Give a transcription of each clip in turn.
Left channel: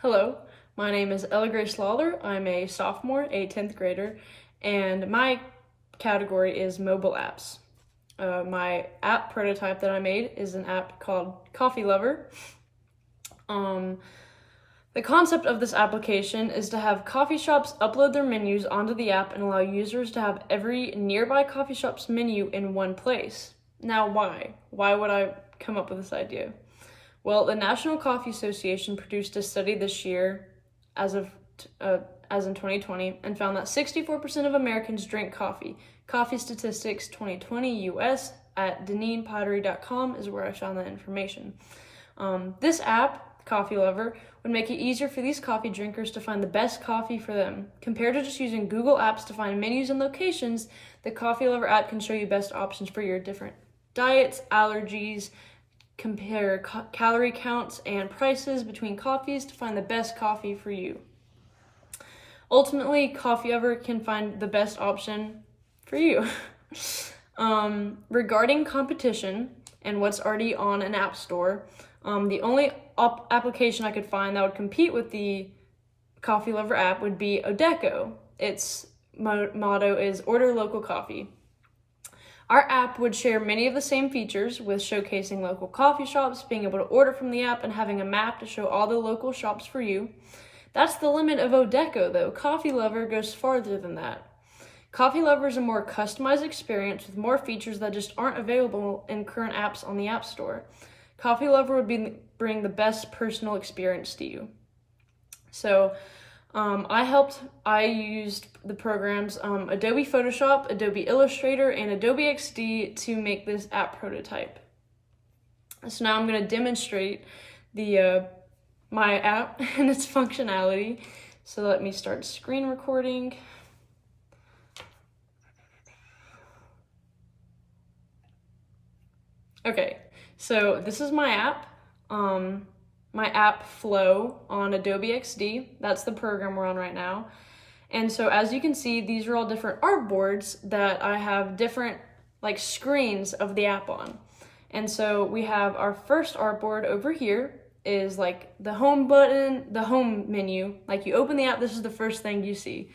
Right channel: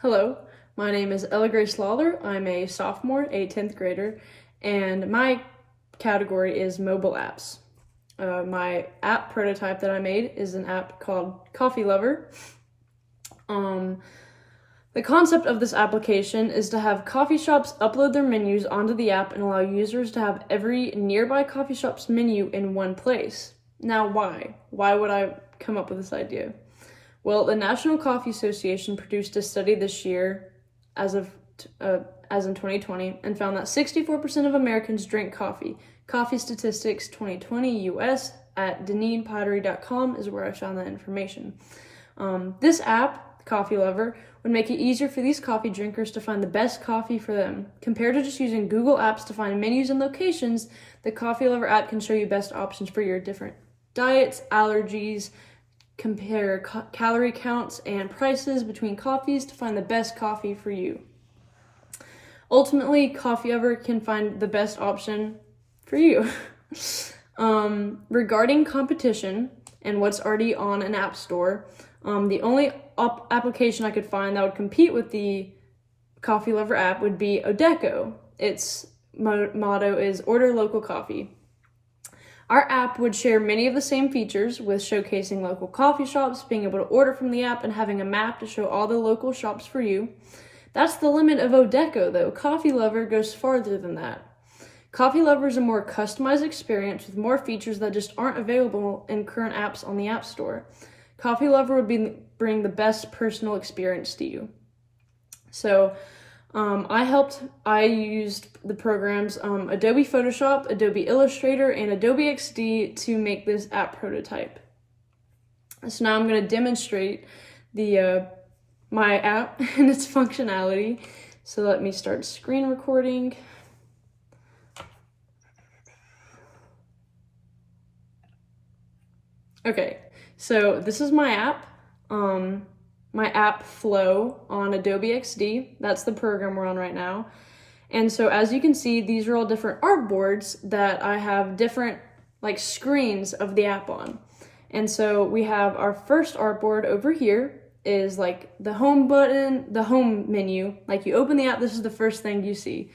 Hello, my name is Ella Grace Lawler. I'm a sophomore, a 10th grader, and my category is mobile apps. My app prototype that I made is an app called CoffeeLover. The concept of this application is to have coffee shops upload their menus onto the app and allow users to have every nearby coffee shop's menu in one place. Now, why? Why would I come up with this idea? Well, the National Coffee Association produced a study this year, as in 2020, and found that 64% of Americans drink coffee. Coffee Statistics 2020 US at deneenpottery.com is where I found that information. This app, CoffeeLover, would make it easier for these coffee drinkers to find the best coffee for them. Compared to just using Google Apps to find menus and locations, the CoffeeLover app can show you best options for your different diets, allergies, compare calorie counts and prices between coffees to find the best coffee for you. Ultimately, CoffeeLover can find the best option for you. Regarding competition and what's already on an app store, the only application I could find that would compete with the CoffeeLover app would be Odeco. Its motto is order local coffee. Our app would share many of the same features with showcasing local coffee shops, being able to order from the app, and having a map to show all the local shops for you. That's the limit of Odeco, though. CoffeeLover goes farther than that. CoffeeLover is a more customized experience with more features that just aren't available in current apps on the App Store. CoffeeLover would bring the best personal experience to you. So, I used the programs Adobe Photoshop, Adobe Illustrator, and Adobe XD to make this app prototype. So now I'm going to demonstrate my app and its functionality. So let me start screen recording. Okay, so this is my app flow on Adobe XD. That's the program we're on right now. And so as you can see, these are all different artboards that I have different screens of the app on. And so we have our first artboard over here is the home button, the home menu. Like you open the app, this is the first thing you see.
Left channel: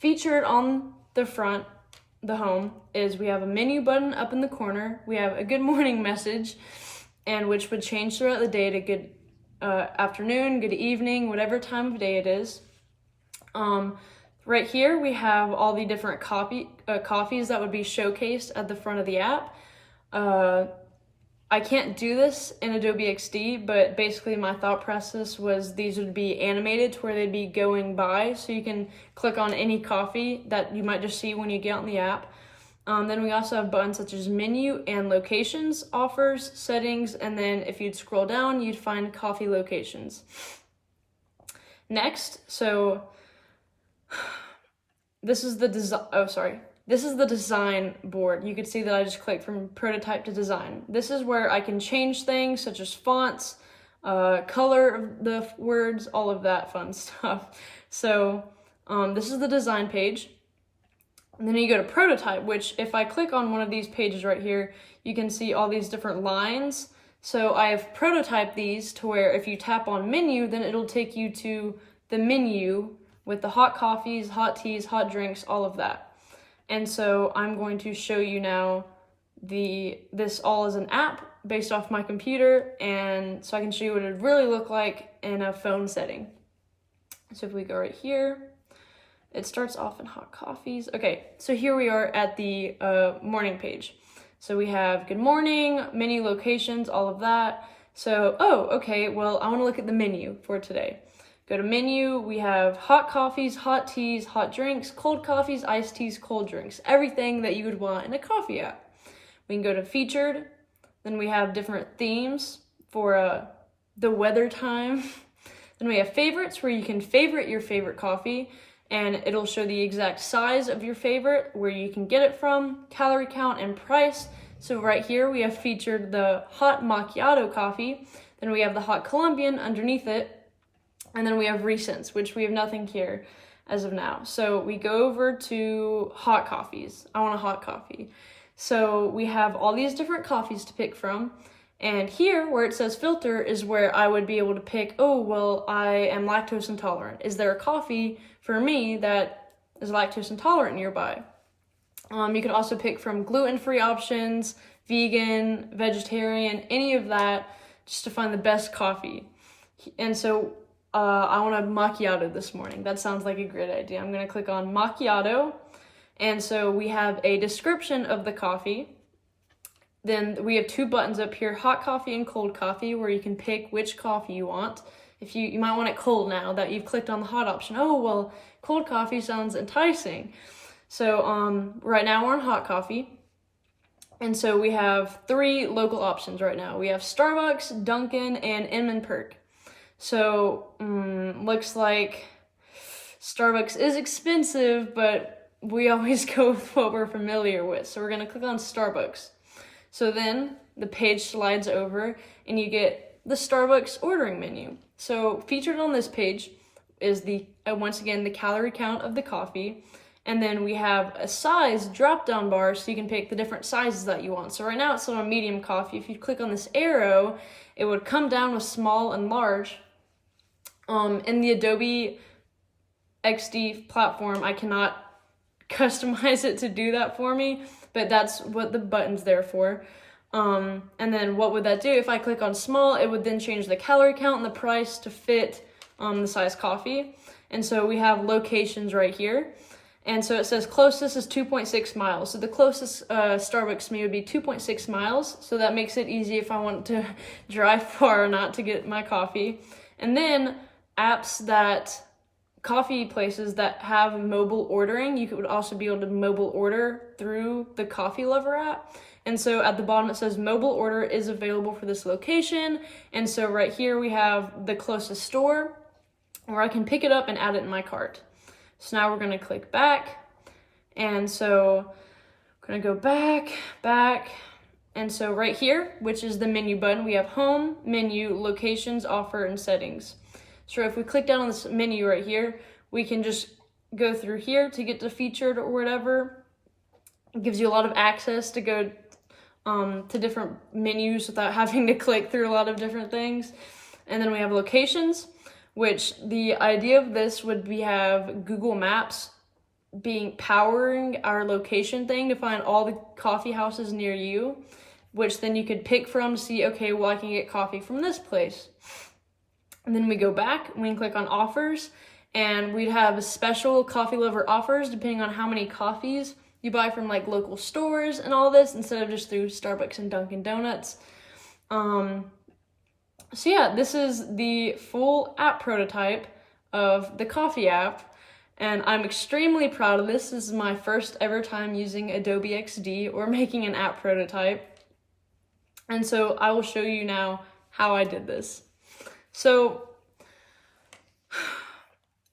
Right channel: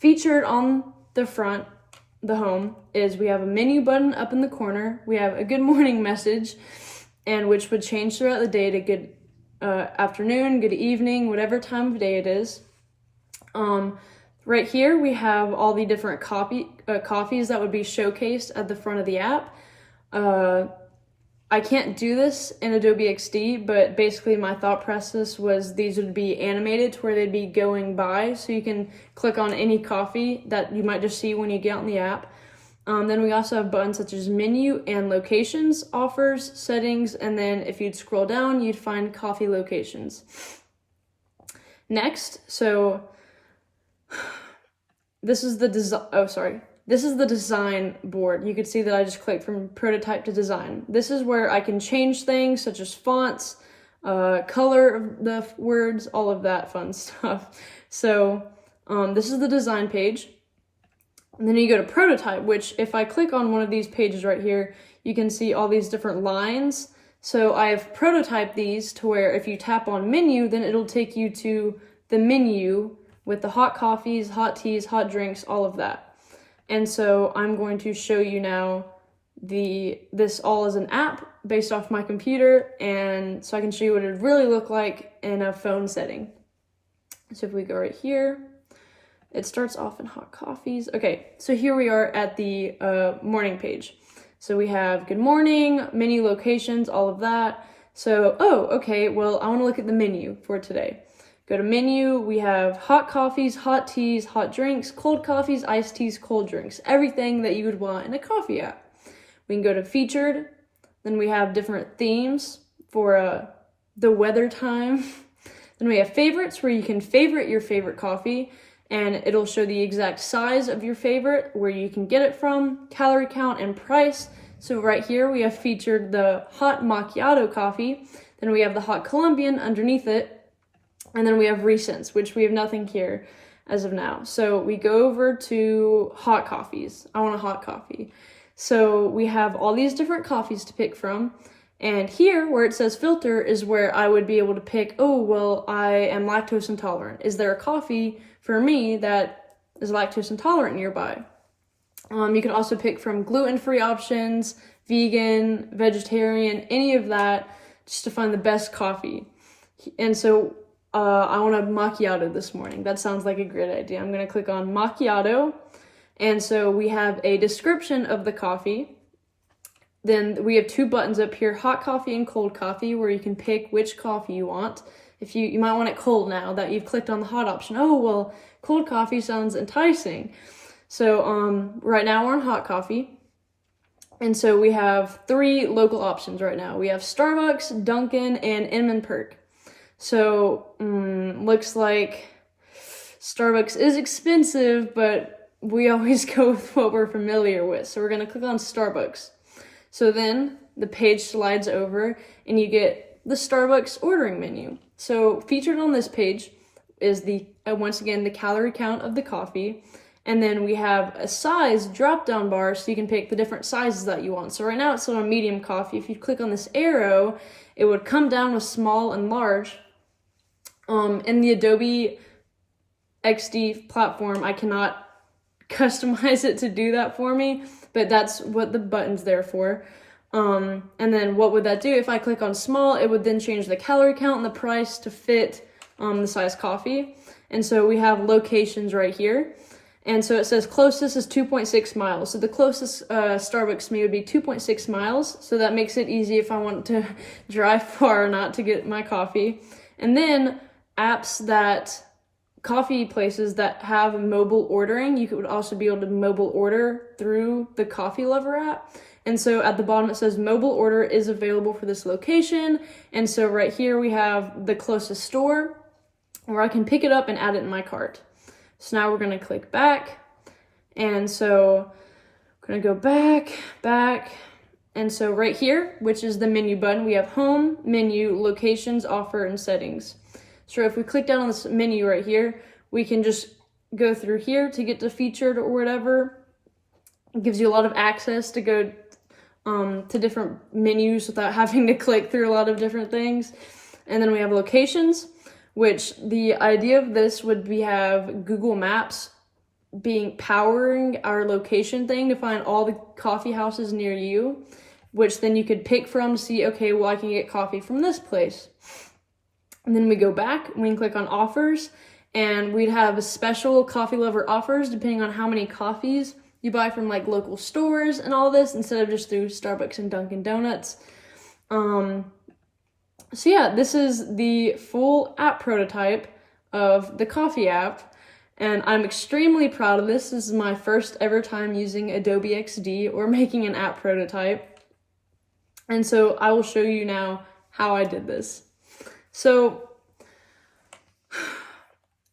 Featured on the front, the home, is we have a menu button up in the corner. We have a good morning message, and which would change throughout the day to good afternoon, good evening, whatever time of day it is. Right here we have all the different coffees that would be showcased at the front of the app. I can't do this in Adobe XD, but basically my thought process was these would be animated to where they'd be going by, so you can click on any coffee that you might just see when you get on the app. Then we also have buttons such as menu and locations, offers, settings, and then if you'd scroll down, you'd find coffee locations. Next, so this is the design board. You could see that I just clicked from prototype to design. This is where I can change things such as fonts, color of the words, all of that fun stuff. So this is the design page. And then you go to prototype, which if I click on one of these pages right here, you can see all these different lines. So I've prototyped these to where if you tap on menu, then it'll take you to the menu with the hot coffees, hot teas, hot drinks, all of that. And so I'm going to show you now this all as an app based off my computer, and so I can show you what it would really look like in a phone setting. So if we go right here, it starts off in hot coffees. Okay, so here we are at the morning page. So we have good morning, menu locations, all of that. So, okay, well, I want to look at the menu for today. Go to menu, we have hot coffees, hot teas, hot drinks, cold coffees, iced teas, cold drinks, everything that you would want in a coffee app. We can go to featured, then we have different themes for the weather time. Then we have favorites, where you can favorite your favorite coffee, and it'll show the exact size of your favorite, where you can get it from, calorie count, and price. So right here we have featured the hot macchiato coffee, then we have the hot Colombian underneath it, and then we have recents, which we have nothing here as of now. So we go over to hot coffees. I want a hot coffee. So we have all these different coffees to pick from, And here, where it says filter, is where I would be able to pick, oh, well, I am lactose intolerant. Is there a coffee for me that is lactose intolerant nearby? You can also pick from gluten-free options, vegan, vegetarian, any of that, just to find the best coffee. And so I want a macchiato this morning. That sounds like a great idea. I'm going to click on macchiato. And so we have a description of the coffee. Then we have two buttons up here, hot coffee and cold coffee, where you can pick which coffee you want. If you might want it cold now that you've clicked on the hot option. Oh, well, cold coffee sounds enticing. So right now we're on hot coffee. And so we have 3 local options right now. We have Starbucks, Dunkin', and M&Perk. So looks like Starbucks is expensive, but we always go with what we're familiar with. So we're going to click on Starbucks. So then the page slides over and you get the Starbucks ordering menu. So featured on this page is once again, the calorie count of the coffee. And then we have a size drop-down bar so you can pick the different sizes that you want. So right now it's on a medium coffee. If you click on this arrow, it would come down with small and large. In the Adobe XD platform, I cannot customize it to do that for me, but that's what the button's there for. And then what would that do? If I click on small, it would then change the calorie count and the price to fit the size coffee. And so we have locations right here. And so it says closest is 2.6 miles. So the closest Starbucks to me would be 2.6 miles. So that makes it easy if I want to drive far or not to get my coffee. And then coffee places that have mobile ordering, you would also be able to mobile order through the CoffeeLover app. And so at the bottom it says mobile order is available for this location. And so right here we have the closest store where I can pick it up and add it in my cart. So now we're going to click back. And so I'm going to go back. And so right here, which is the menu button, we have home, menu, locations, offer, and settings. So if we click down on this menu right here, we can just go through here to get to featured or whatever. It gives you a lot of access to go to different menus without having to click through a lot of different things. And then we have locations, which the idea of this would be have Google Maps powering our location thing to find all the coffee houses near you, which then you could pick from, see, okay, well, I can get coffee from this place. And then we go back, we can click on offers, and we'd have a special CoffeeLover offers depending on how many coffees you buy from like local stores and all this, instead of just through Starbucks and Dunkin' Donuts. So yeah, this is the full app prototype of the coffee app, and I'm extremely proud of this. This is my first ever time using Adobe XD or making an app prototype. And so I will show you now how I did this. So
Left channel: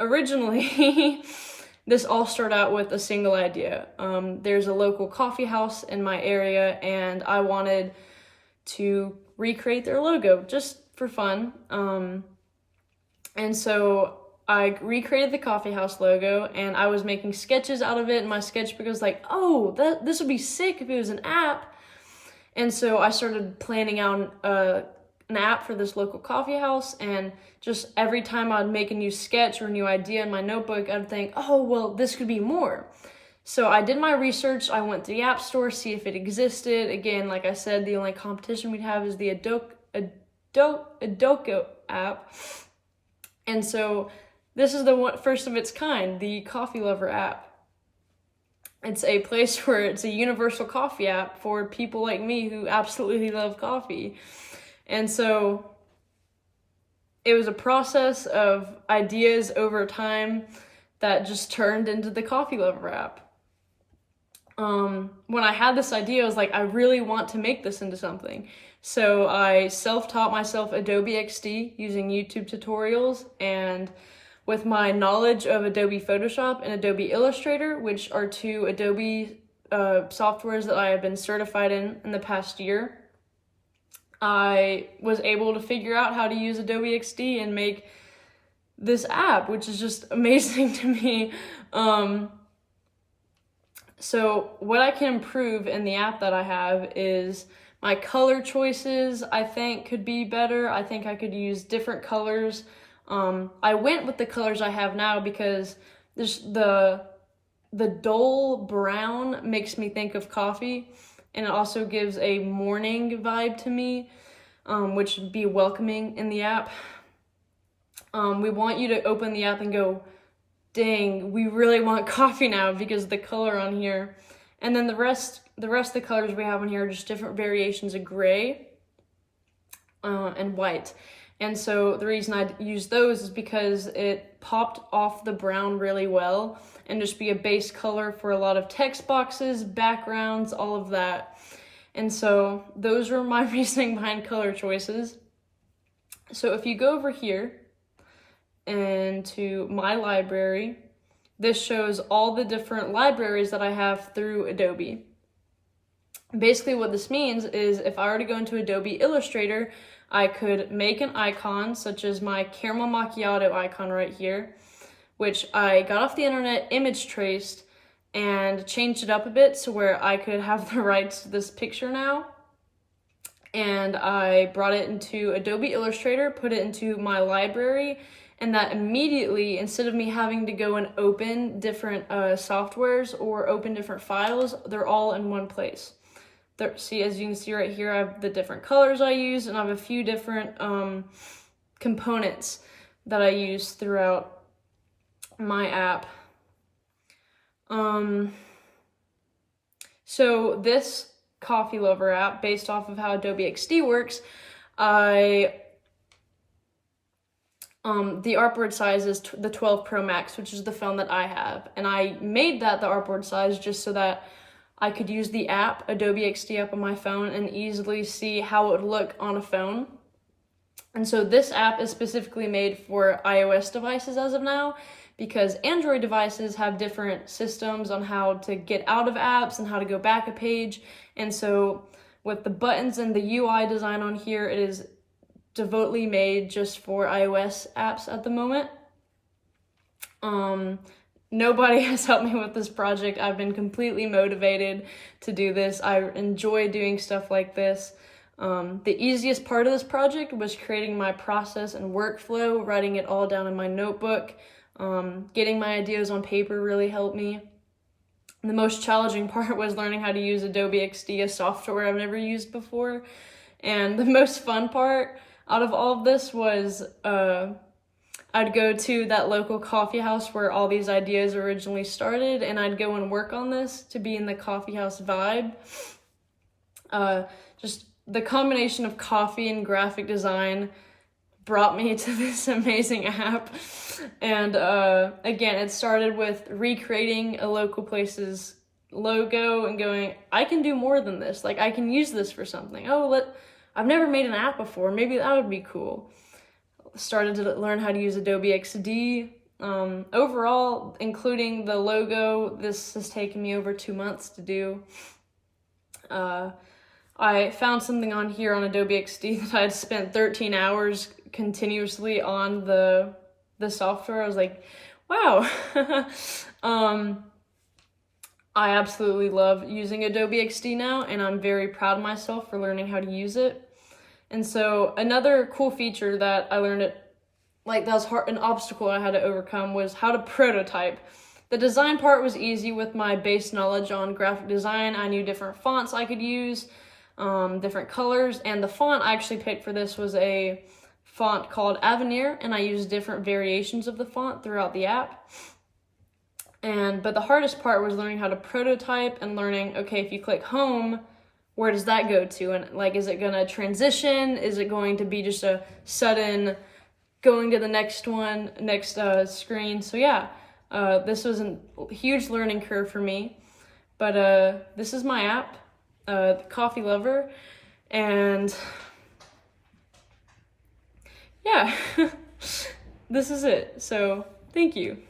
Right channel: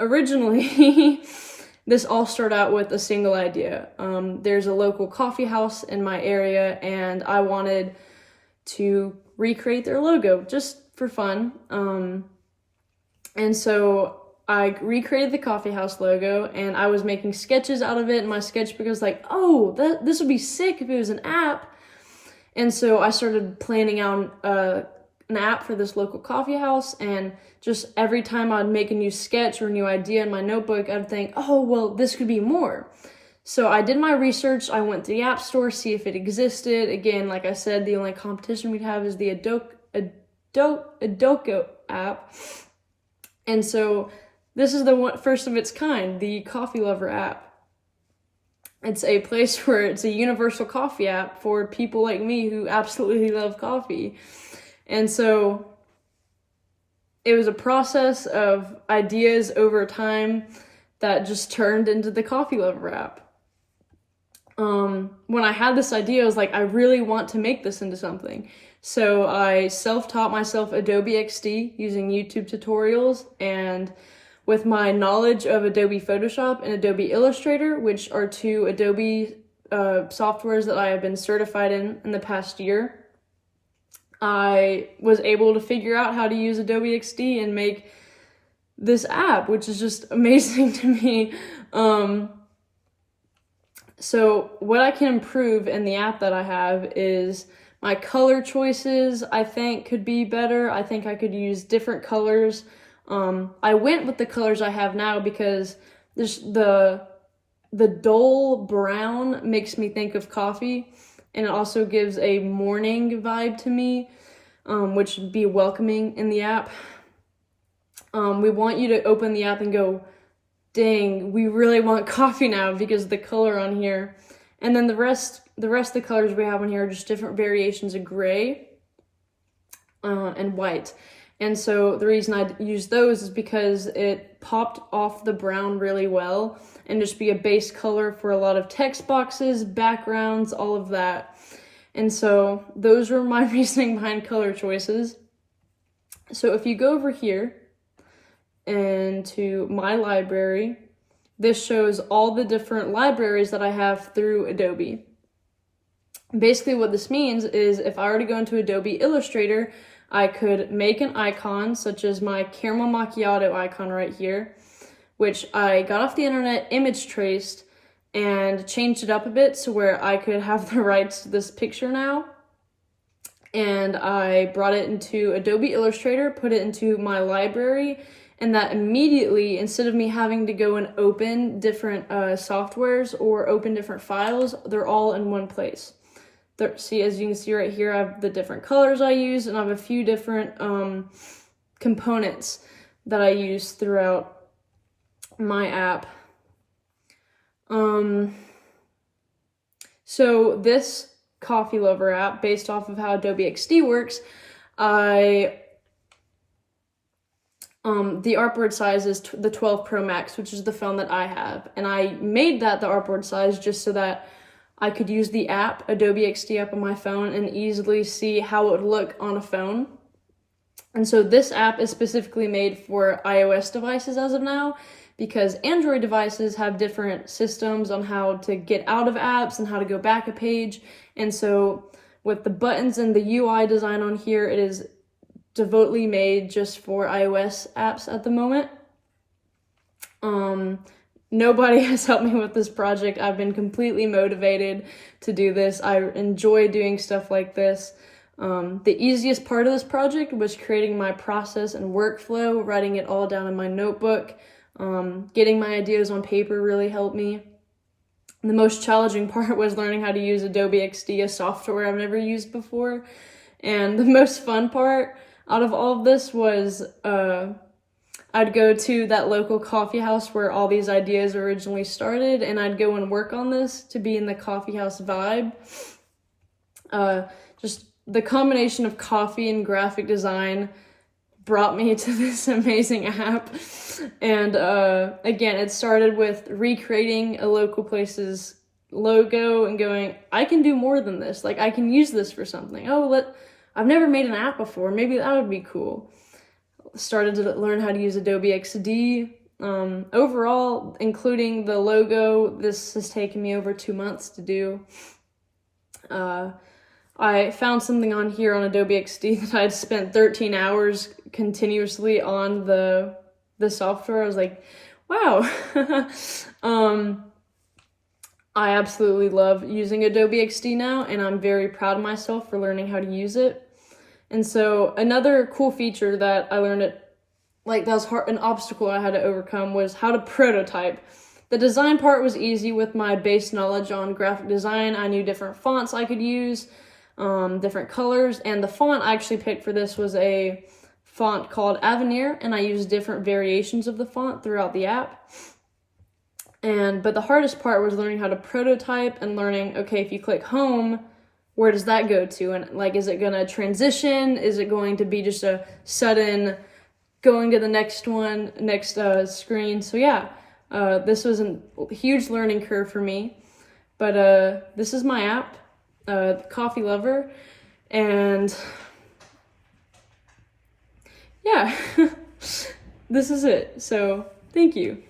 originally, this all started out with a single idea. There's a local coffee house in my area, and I wanted to recreate their logo just for fun. And so I recreated the coffee house logo, and I was making sketches out of it, and my sketchbook was like, oh, this would be sick if it was an app. And so I started planning out an app for this local coffee house, and just every time I'd make a new sketch or a new idea in my notebook, I'd think, oh, well, this could be more. So I did my research. I went to the App Store, see if it existed. Again, like I said, the only competition we have is the Adoco app. And so this is the first of its kind, the CoffeeLover app. It's a place where it's a universal coffee app for people like me who absolutely love coffee. And so it was a process of ideas over time that just turned into the CoffeeLover app. When I had this idea, I was like, I really want to make this into something. So I self-taught myself Adobe XD using YouTube tutorials, and with my knowledge of Adobe Photoshop and Adobe Illustrator, which are two Adobe softwares that I have been certified in the past year, I was able to figure out how to use Adobe XD and make this app, which is just amazing to me. So what I can improve in the app that I have is My color choices, I think, could be better. I think I could use different colors. I went with the colors I have now because the dull brown makes me think of coffee, and it also gives a morning vibe to me, which would be welcoming in the app. We want you to open the app and go, dang, we really want coffee now because of the color on here. And then the rest of the colors we have on here are just different variations of gray and white. And so the reason I use those is because it popped off the brown really well and just be a base color for a lot of text boxes, backgrounds, all of that. And so those are my reasoning behind color choices. So if you go over here and to my library, this shows all the different libraries that I have through Adobe. Basically what this means is if I were to go into Adobe Illustrator, I could make an icon such as my caramel macchiato icon right here, which I got off the internet, image traced, and changed it up a bit so where I could have the rights to this picture now. And I brought it into Adobe Illustrator, put it into my library, and that immediately, instead of me having to go and open different softwares or open different files, they're all in one place. See, as you can see right here, I have the different colors I use, and I have a few different components that I use throughout my app. So this CoffeeLover app, based off of how Adobe XD works, the artboard size is the 12 Pro Max, which is the phone that I have. And I made that the artboard size just so that I could use the app, Adobe XD app on my phone, and easily see how it would look on a phone. And so this app is specifically made for iOS devices as of now, because Android devices have different systems on how to get out of apps and how to go back a page. And so with the buttons and the UI design on here, it is devotedly made just for iOS apps at the moment. Nobody has helped me with this project. I've been completely motivated to do this. I enjoy doing stuff like this. The easiest part of this project was creating my process and workflow, writing it all down in my notebook. Getting my ideas on paper really helped me. The most challenging part was learning how to use Adobe XD, a software I've never used before. And the most fun part out of all of this was I'd go to that local coffee house where all these ideas originally started, and I'd go and work on this to be in the coffee house vibe. Just the combination of coffee and graphic design brought me to this amazing app. And again, it started with recreating a local place's logo and going, I can do more than this. Like, I can use this for something. I've never made an app before. Maybe that would be cool. Started to learn how to use Adobe XD. Overall, including the logo, this has taken me over 2 months to do. I found something on here on Adobe XD that I'd spent 13 hours continuously on the software. I was like, wow. I absolutely love using Adobe XD now, and I'm very proud of myself for learning how to use it. And so another cool feature that I learned that was an obstacle I had to overcome was how to prototype. The design part was easy with my base knowledge on graphic design. I knew different fonts I could use, different colors, and the font I actually picked for this was a font called Avenir, and I used different variations of the font throughout the app. But the hardest part was learning how to prototype and learning, okay, if you click home, where does that go to? And is it gonna transition? Is it going to be just a sudden going to the next screen? So yeah, this was a huge learning curve for me. But this is my app, CoffeeLover, and yeah, this is it. So thank you.